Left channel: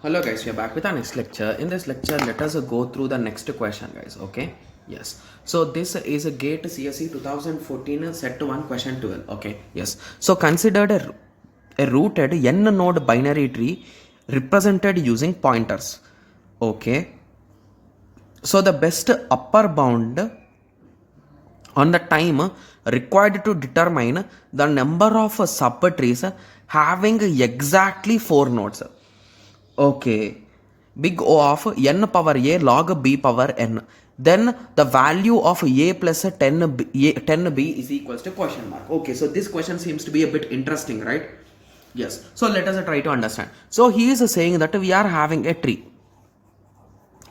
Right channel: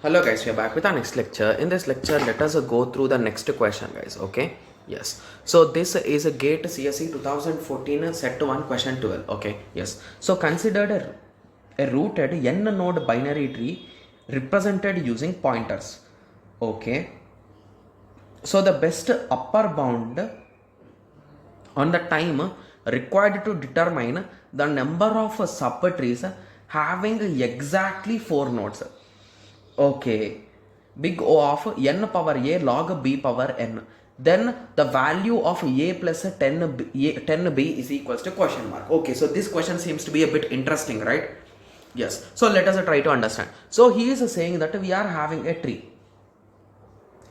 Hello guys, we are back with our next lecture. In this lecture, let us go through the next question guys, okay? Yes. So this is a GATE CSE 2014 set 1 question 12, okay? Yes. So considered a rooted n node binary tree represented using pointers, okay? So the best upper bound on the time required to determine the number of subtrees having exactly 4 nodes. Okay, big O of n power a log b power n. Then the value of a plus 10b is equals to question mark. Okay, so this question seems to be a bit interesting, right? Yes. So let us try to understand. So he is saying that we are having a tree.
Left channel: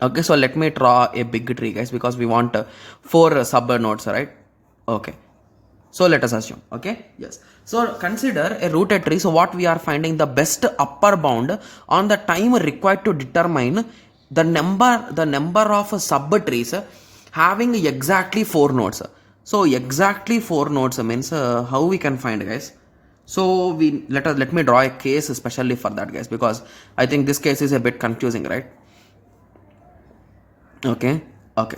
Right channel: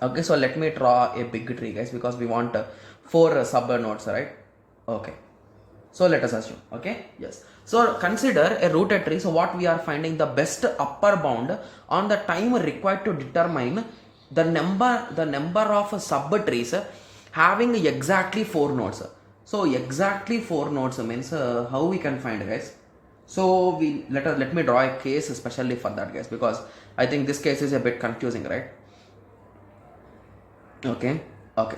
Okay, so let me draw a big tree, guys, because we want 4 sub nodes, right? Okay. So let us assume, okay? Yes. So consider a rooted tree. So what we are finding the best upper bound on the time required to determine the number of sub trees having exactly 4 nodes. So exactly 4 nodes means how we can find, guys? So let me draw a case especially for that, guys, because I think this case is a bit confusing, right? Okay.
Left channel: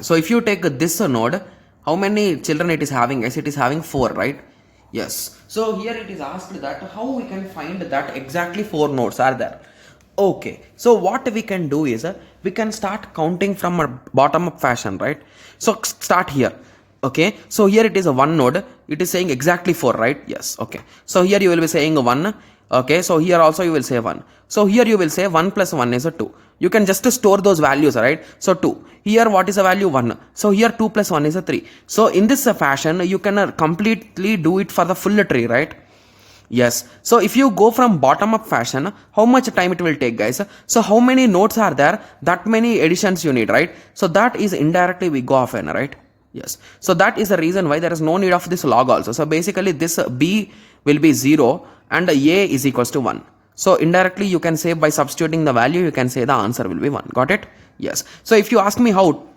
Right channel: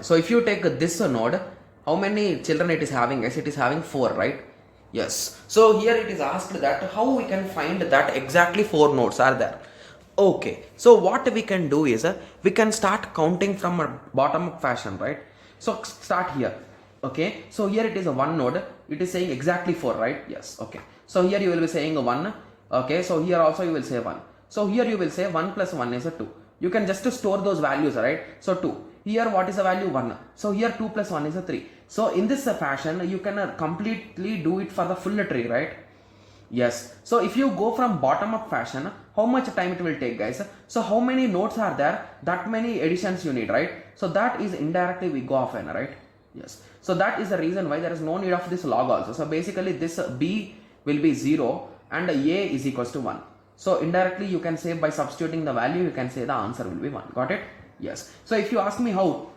So if you take this node, how many children it is having? Yes, it is having 4, right? Yes. So here it is asked that how we can find that exactly 4 nodes are there. Okay. So what we can do is we can start counting from a bottom up fashion, right? So start here. Okay. So here it is a 1 node. It is saying exactly 4, right? Yes. Okay. So here you will be saying 1. Okay. So here also you will say 1. So here you will say 1 plus 1 is a 2. You can just store those values, right? So 2. Here what is the value? 1. So here 2 plus 1 is a 3. So in this fashion, you can completely do it for the full tree, right? Yes. So if you go from bottom up fashion, how much time it will take, guys? So how many nodes are there? That many additions you need, right? So that is indirectly we go off n, right? Yes. So that is the reason why there is no need of this log also. So basically this b will be 0 and a is equals to 1. So indirectly you can say by substituting the value, you can say the answer will be 1. Got it? Yes. So if you ask me how,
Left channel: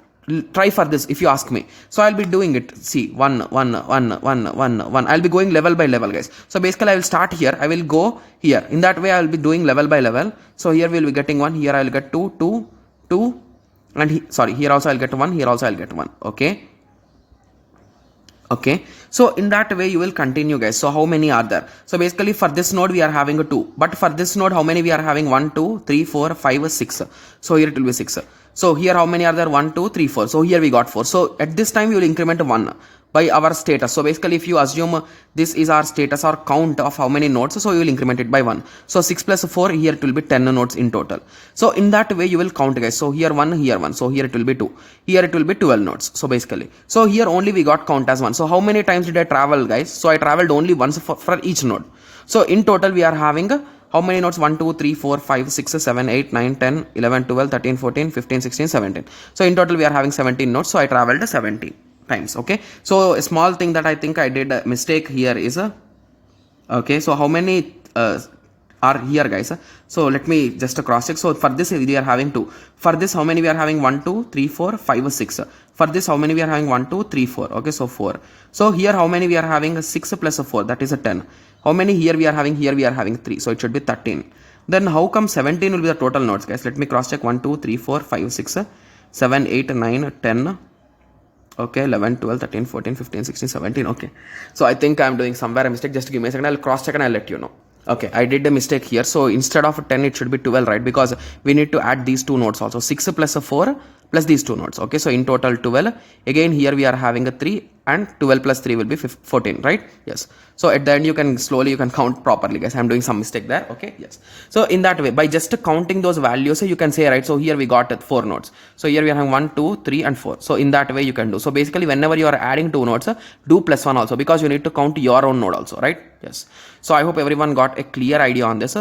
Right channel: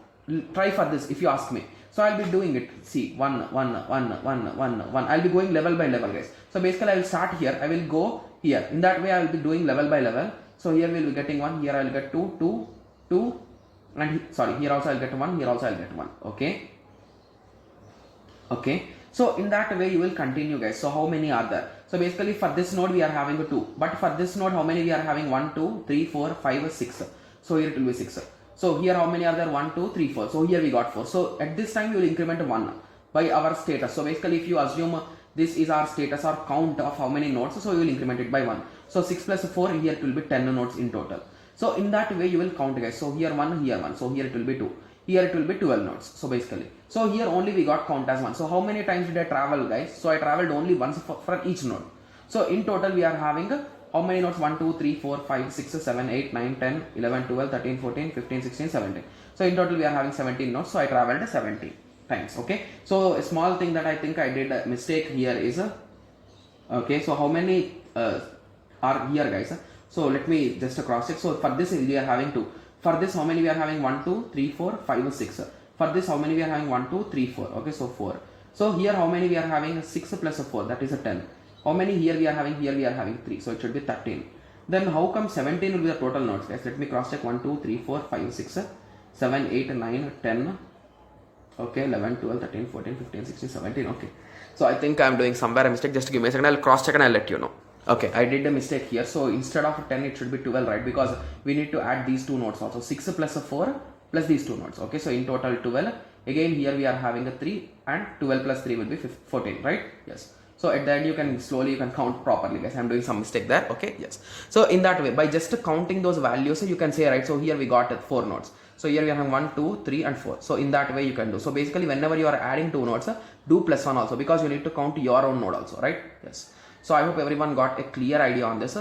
try for this if you ask me. So I'll be doing it. See, 1, 1, 1, 1, 1, 1. I'll be going level by level, guys. So basically I will start here. I will go here. In that way I will be doing level by level. So here we will be getting 1. Here I will get 2, 2, 2. And here also I'll get 1. Here also I'll get 1. Okay, so in that way you will continue, guys. So how many are there? So basically for this node we are having a 2, but for this node how many we are having? 1, 2, 3, 4, 5, 6. So here it will be 6. So here how many are there? 1, 2, 3, 4. So here we got 4. So at this time we will increment 1 by our status. So basically if you assume this is our status or count of how many nodes, so you will increment it by 1. So 6 plus 4, here it will be 10 nodes in total. So in that way you will count, guys. So here 1, here 1. So here it will be 2. Here it will be 12 nodes. So basically, so here only we got count as 1. So how many times did I travel, guys? So I traveled only once for each node. So in total we are having how many nodes? 1, 2, 3, 4, 5, 6, 7, 8, 9, 10, 11, 12, 13, 14, 15, 16, 17. So in total we are having 17 nodes. So I traveled 17 times. Okay. So a small thing that I think I did a mistake here is okay. So how many are here, guys? So let me just cross check. So for this we are having 2. For this how many we are having? 1, 2, 3, 4, 5, 6. For this how many we are having? 1, 2, 3, 4. Okay, so 4. So here how many we are having? 6 plus 4, that is a 10. How many here we are having? Here we are having 3. So it should be 13. Then how come 17 will be the total nodes, guys? Let me cross check. 1, 2, 3, 4, 5, 6, 7, 8, 9, 10. Okay, 11, 12, 13, 14, 15, 16, 17. Okay. So I think I'm doing somewhere a mistake. Just give me a second. I'll cross check and I'll let you know. Okay, I did a mistake here. So instead of 10, it should be 12, right? Because we need to add these two nodes also. 6 plus 4 plus these two nodes. Okay, so in total 12. Again, here we are having a 3 and 12 plus 3 will be 14, right? Yes. So at the end, you can count properly, guys. I'm doing some mistake there. Okay, yes. So in that way, by just counting those values, you can say, right? So here we got 4 nodes. So here we are having 1, 2, 3 and 4. So in that way you can do. So basically whenever you are adding 2 nodes, do plus 1 also, because you need to count your own node also, right? Yes. So I hope everyone got a clear idea on this,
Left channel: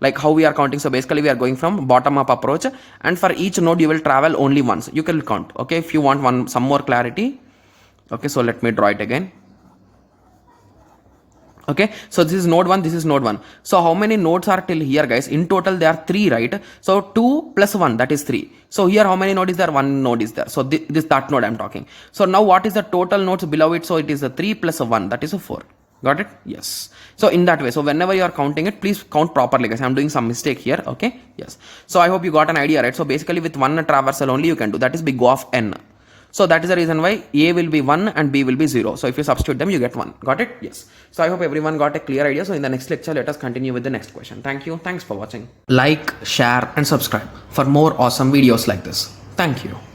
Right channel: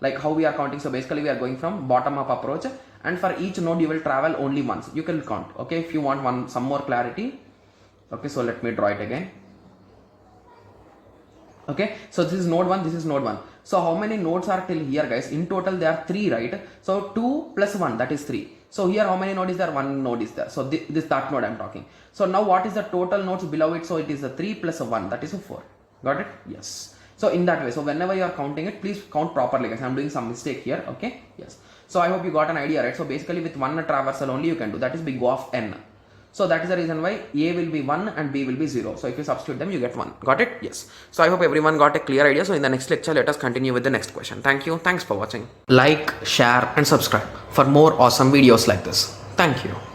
like how we are counting. So basically we are going from bottom up approach, and for each node you will travel only once. You can count. Okay, if you want some more clarity. Okay, so let me draw it again. Okay, so this is node 1, this is node 1. So how many nodes are till here, guys? In total there are 3, right? So 2 plus 1, that is 3. So here how many node is there? 1 node is there. So that node I'm talking. So now what is the total nodes below it? So it is a 3 plus 1, that is a 4. Got it? Yes. So in that way, so whenever you are counting it, please count properly, guys. I'm doing some mistake here. Okay. Yes. So I hope you got an idea, right? So basically with one traversal only you can do, that is big O of n. So that is the reason why A will be 1 and B will be 0. So if you substitute them, you get 1. Got it? Yes. So I hope everyone got a clear idea. So in the next lecture, let us continue with the next question. Thank you. Thanks for watching. Like, share and subscribe for more awesome videos like this. Thank you.